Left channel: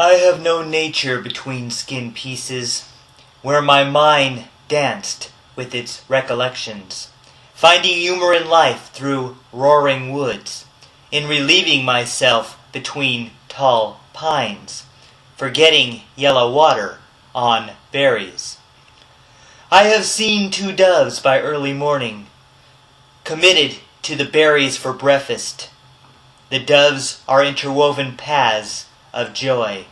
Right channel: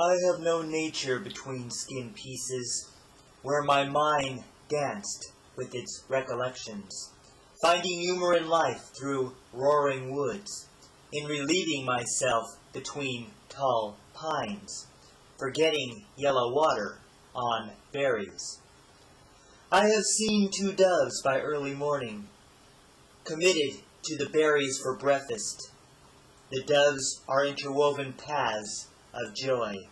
I have known nature between skin pieces, where my mind danced with its recollections, finding humor in life through roaring woods, in relieving myself between tall pines, forgetting yellow water on berries. I have seen 2 doves by early morning, committed to the berries for breakfast. The doves are interwoven paths of joy,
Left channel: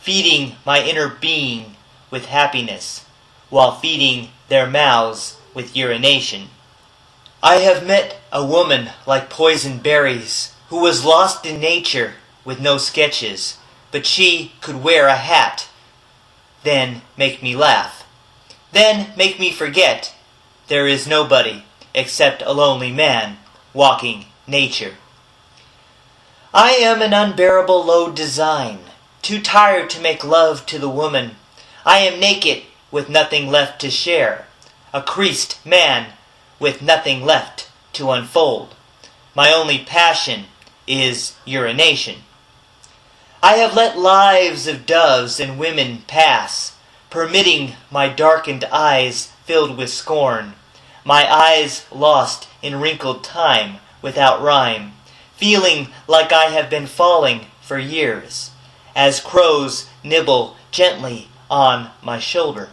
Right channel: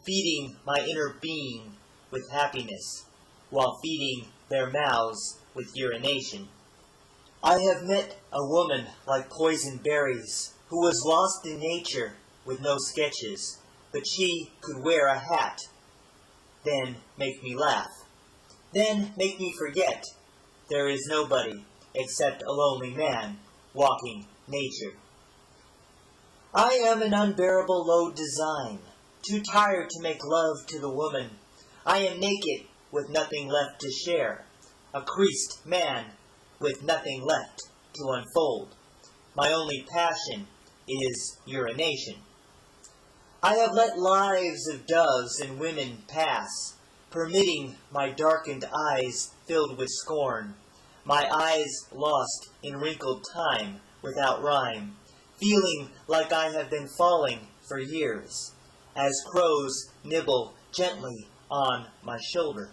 feeding my inner being with happiness, while feeding their mouths with urination. I have met a woman like poison berries, who was lost in nature with no sketches, but she could wear a hat, then make me laugh, then make me forget there is nobody except a lonely man walking nature. I am an unbearable low design, too tired to make love to the woman. I am naked with nothing left to share, a creased man with nothing left to unfold. My only passion is urination. I have let lives of doves and women pass, permitting my darkened eyes filled with scorn, my eyes lost in wrinkled time without rhyme, feeling like I have been falling for years, as crows nibble gently on my shoulder.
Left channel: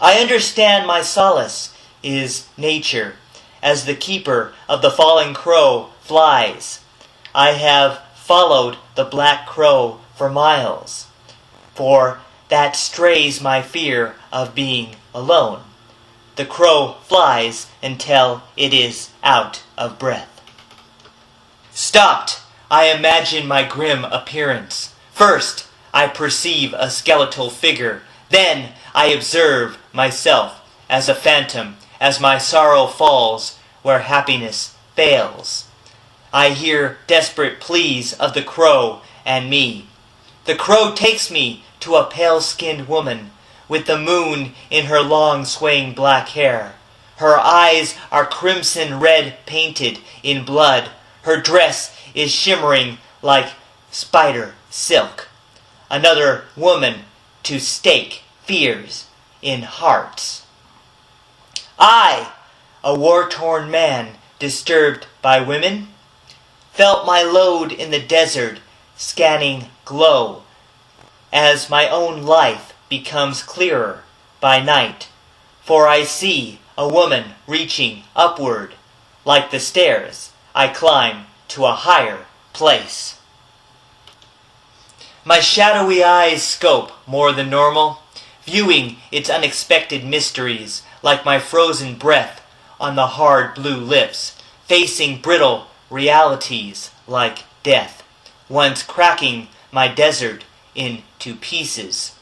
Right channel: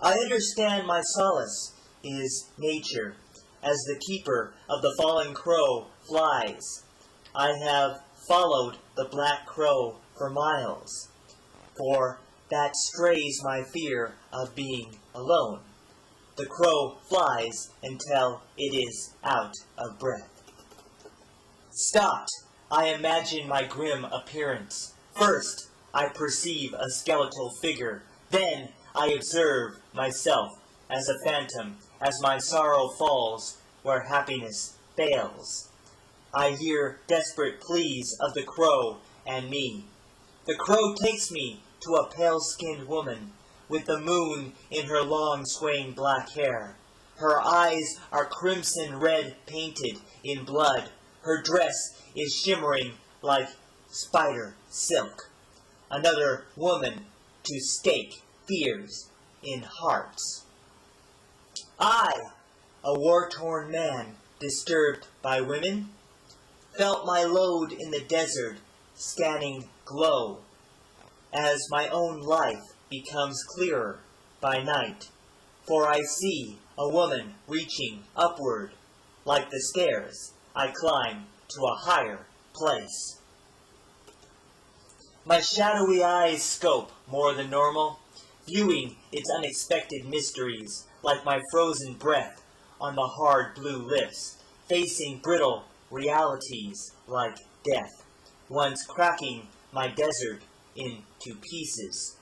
I understand my solace is nature, as the keeper of the falling crow flies. I have followed the black crow for miles, for that strays my fear of being alone. The crow flies until it is out of breath. Stopped, I imagine my grim appearance. First, I perceive a skeletal figure. Then I observe myself as a phantom, as my sorrow falls where happiness fails. I hear desperate pleas of the crow and me. The crow takes me to a pale-skinned woman, with the moon in her long swaying black hair. Her eyes are crimson red painted in blood. Her dress is shimmering like spider silk. Another woman to stake fears in hearts. I, a war-torn man disturbed by women, felt my load in the desert scanning glow as my own life becomes clearer by night, for I see a woman reaching upward like the stairs I climb to a higher place. My shadowy eyes scope more than normal, viewing its unexpected mysteries like my frozen breath on the hard blue lips, facing brittle realities like death, once cracking my desert into pieces.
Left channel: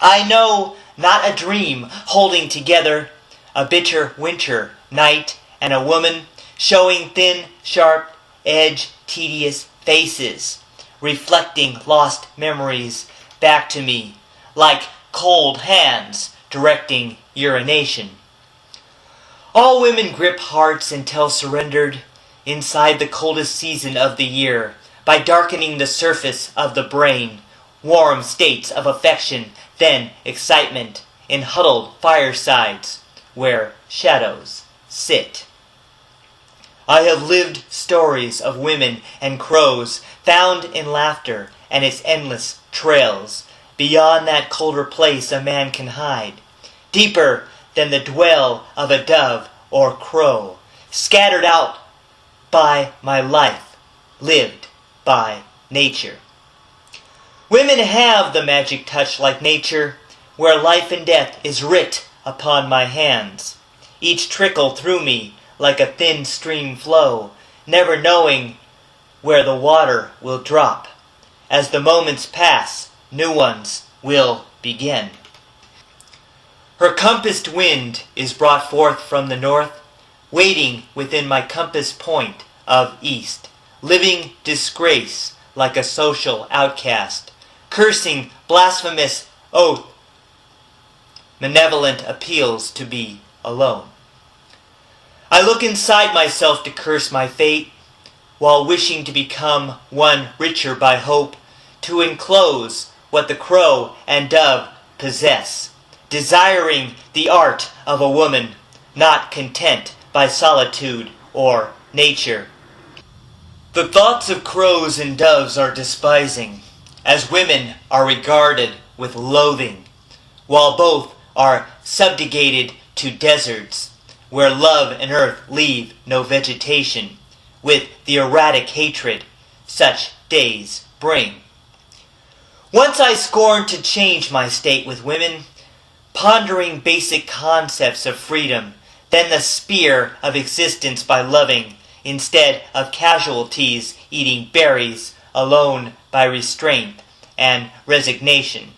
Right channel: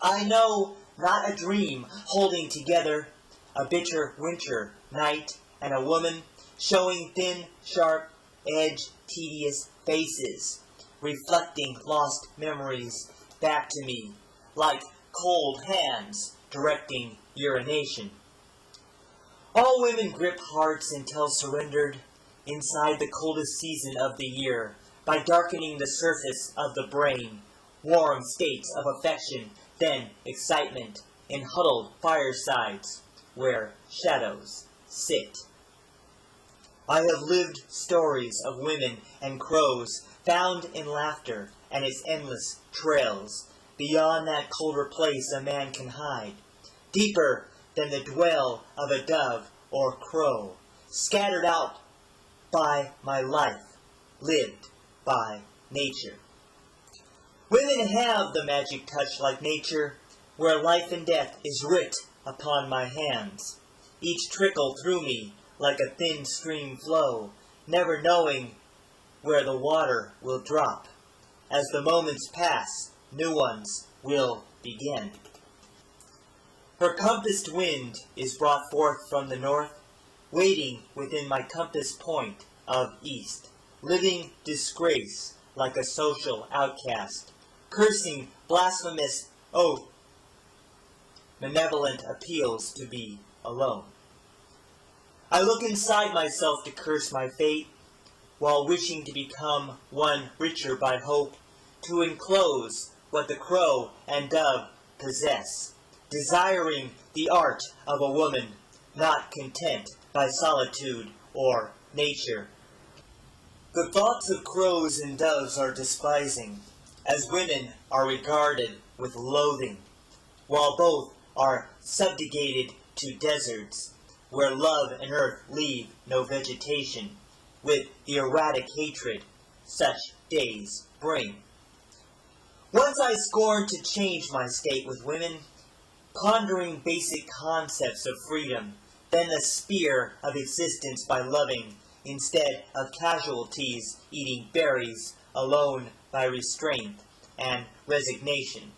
I know not a dream holding together a bitter winter night and a woman showing thin, sharp edge, tedious faces, reflecting lost memories back to me like cold hands directing urination. All women grip hearts until surrendered inside the coldest season of the year by darkening the surface of the brain, warm states of affection, then excitement in huddled firesides where shadows sit. I have lived stories of women and crows found in laughter and its endless trails, beyond that colder place a man can hide, deeper than the dwell of a dove or crow, scattered out by my life, lived by nature. Women have the magic touch like nature, where life and death is writ upon my hands, each trickle through me like a thin stream flow, never knowing where the water will drop. As the moments pass, new ones will begin. Her compassed wind is brought forth from the north, waiting within my compass point of east, living disgrace like a social outcast, cursing blasphemous oath, malevolent appeals to be alone. I look inside myself to curse my fate, while wishing to become one richer by hope, to enclose what the crow and dove possess, desiring the art of a woman, not content by solitude or nature. The thoughts of crows and doves are despising, as women are regarded with loathing, while both are subjugated to deserts, where love and earth leave no vegetation, with the erratic hatred such days bring. Once I scorned to change my state with women, pondering basic concepts of freedom, then the spear of existence by loving, instead of casualties eating berries alone by restraint and resignation.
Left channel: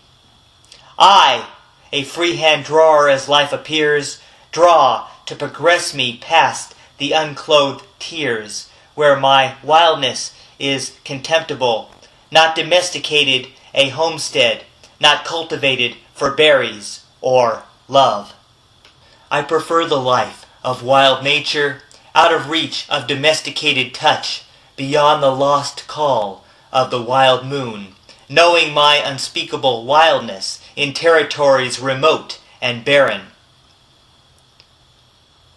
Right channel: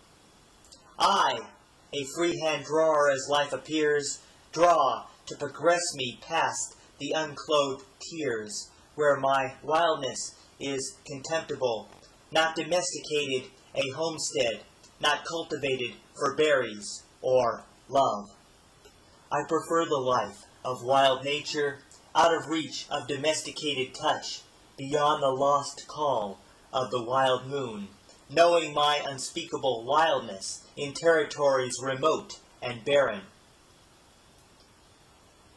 I, a freehand drawer as life appears, draw to progress me past the unclothed tears, where my wildness is contemptible, not domesticated a homestead, not cultivated for berries or love. I prefer the life of wild nature, out of reach of domesticated touch, beyond the lost call of the wild moon, knowing my unspeakable wildness in territories remote and barren.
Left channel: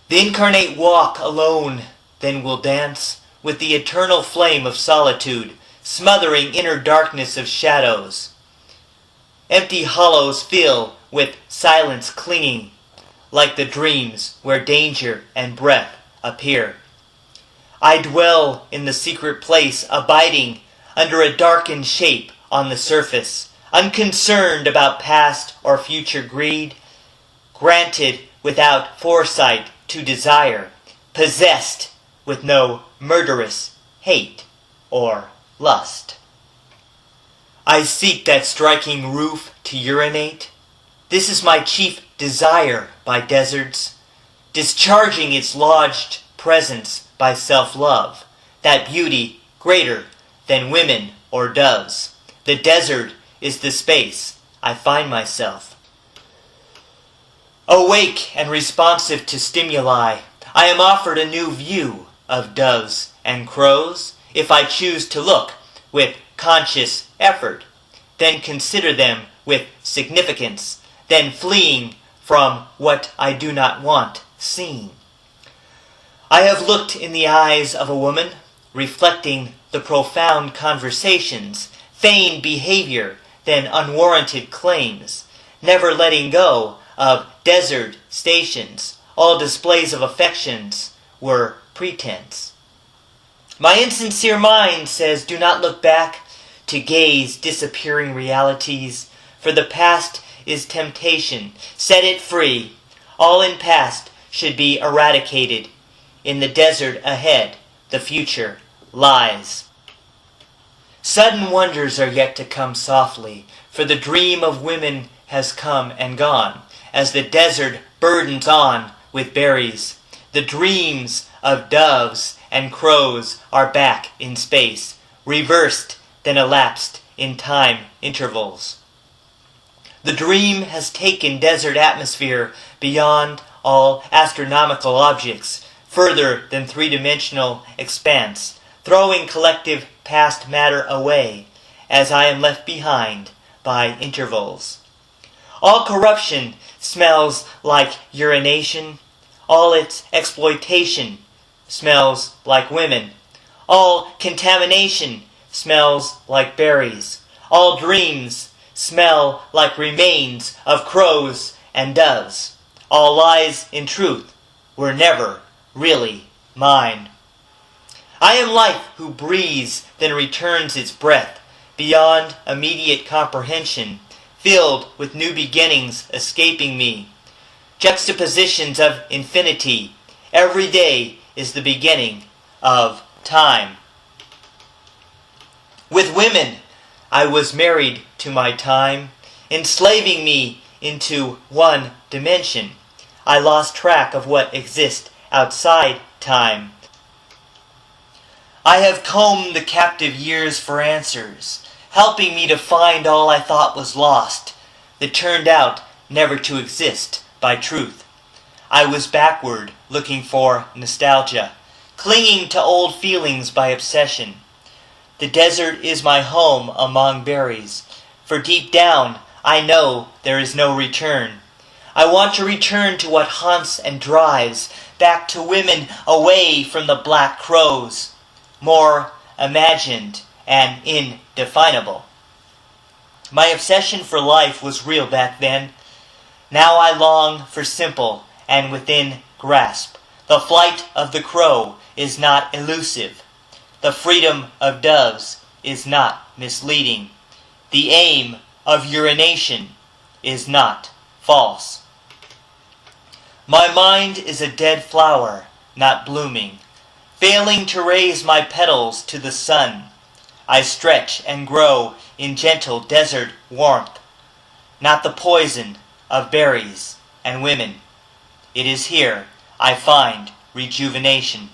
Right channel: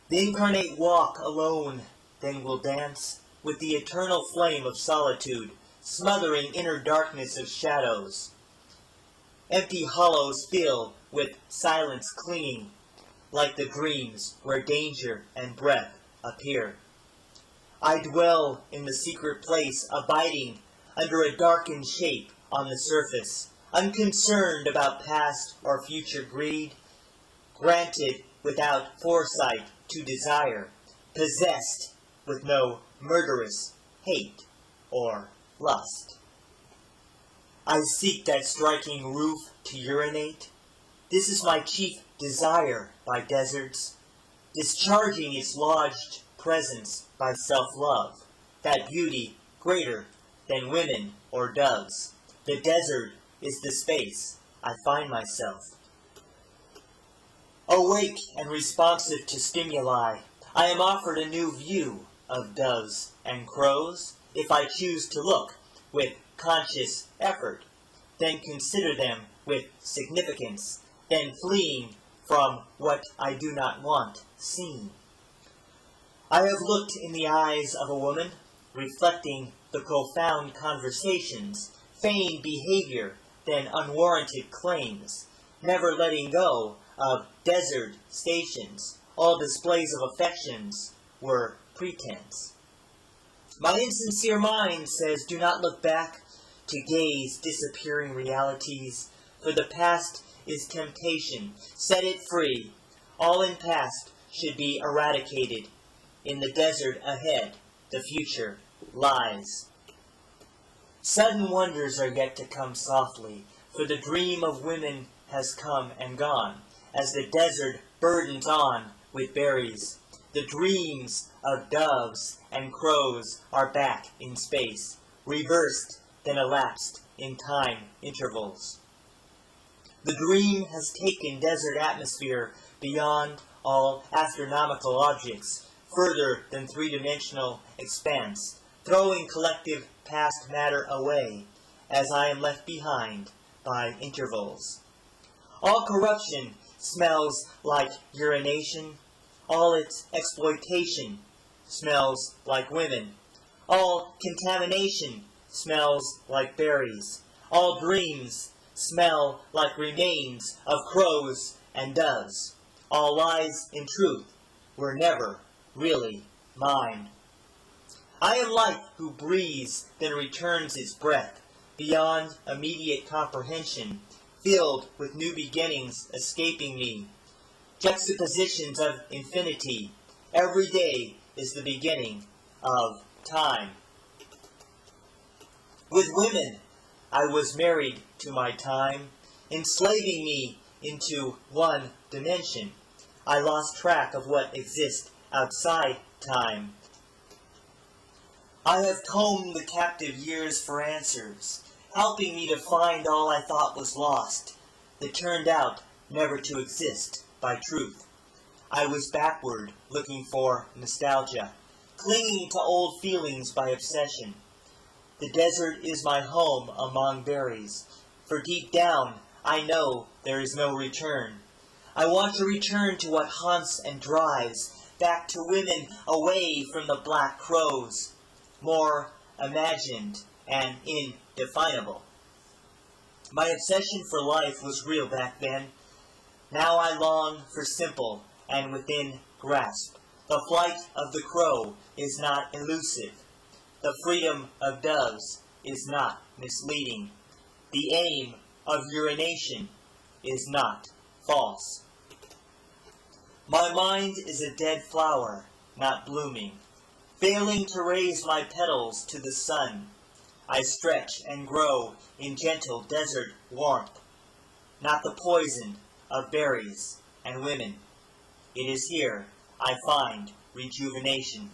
The incarnate walk alone then will dance with the eternal flame of solitude, smothering inner darkness of shadows. Empty hollows fill with silence clinging, like the dreams where danger and breath appear. I dwell in the secret place, abiding under a darkened shape on the surface, unconcerned about past or future greed, granted without foresight to desire, possessed with no murderous hate or lust. I seek that striking roof to urinate. This is my chief desire by deserts, discharging its lodged presence by self-love, that beauty greater than women or doves. The desert is the space I find myself. Awake and responsive to stimuli, I am offered a new view of doves and crows, if I choose to look with conscious effort, then consider them with significance, then fleeing from what I do not want seen. I have looked in the eyes of a woman, reflecting the profound conversations, feigned behavior, then unwarranted claims, never letting go of desert stations. All displays of affections were pretense. My insincere mind says, do not look back to gaze disappearing realities, for the past is temptation. Set it free. All in past should be eradicated. In the desert ahead, the future lies. Sudden wonders are yet to come softly, for the dream of women has come and gone, as the desert burdens on with berries. The dreams of doves and crows are back in space, reversed then elapsed in time intervals. The dream has taken desert atmosphere beyond all astronomical objects, further than three-dimensional expanse, throwing collective past matter away, as I am left behind by intervals. All corruption smells like urination. All its exploitation smells like women. All contamination smells like berries. All dreams smell like remains of crows and doves. All lies, in truth, were never really mine. I am life who breathes, then returns its breath, beyond immediate comprehension, filled with new beginnings escaping me. Juxtapositions of infinity. Every day is the beginning of time. With women, I was married to my time, enslaving me into one dimension. I lost track of what exists outside time. I have combed the captive years for answers, helping me to find all I thought was lost, that turned out never to exist by truth. I was backward, looking for nostalgia, clinging to old feelings by obsession. The desert is my home among berries, for deep down I know there is no return. I want to return to what haunts and drives, back to women away from the black crows, more imagined and indefinable. My obsession for life was real back then. Now I long for simple and within grasp. The flight of the crow is not elusive. The freedom of doves is not misleading. The aim of urination is not false. My mind is a dead flower, not blooming, failing to raise my petals to the sun. I stretch and grow in gentle desert warmth, not the poison of berries and women. It is here I find rejuvenation.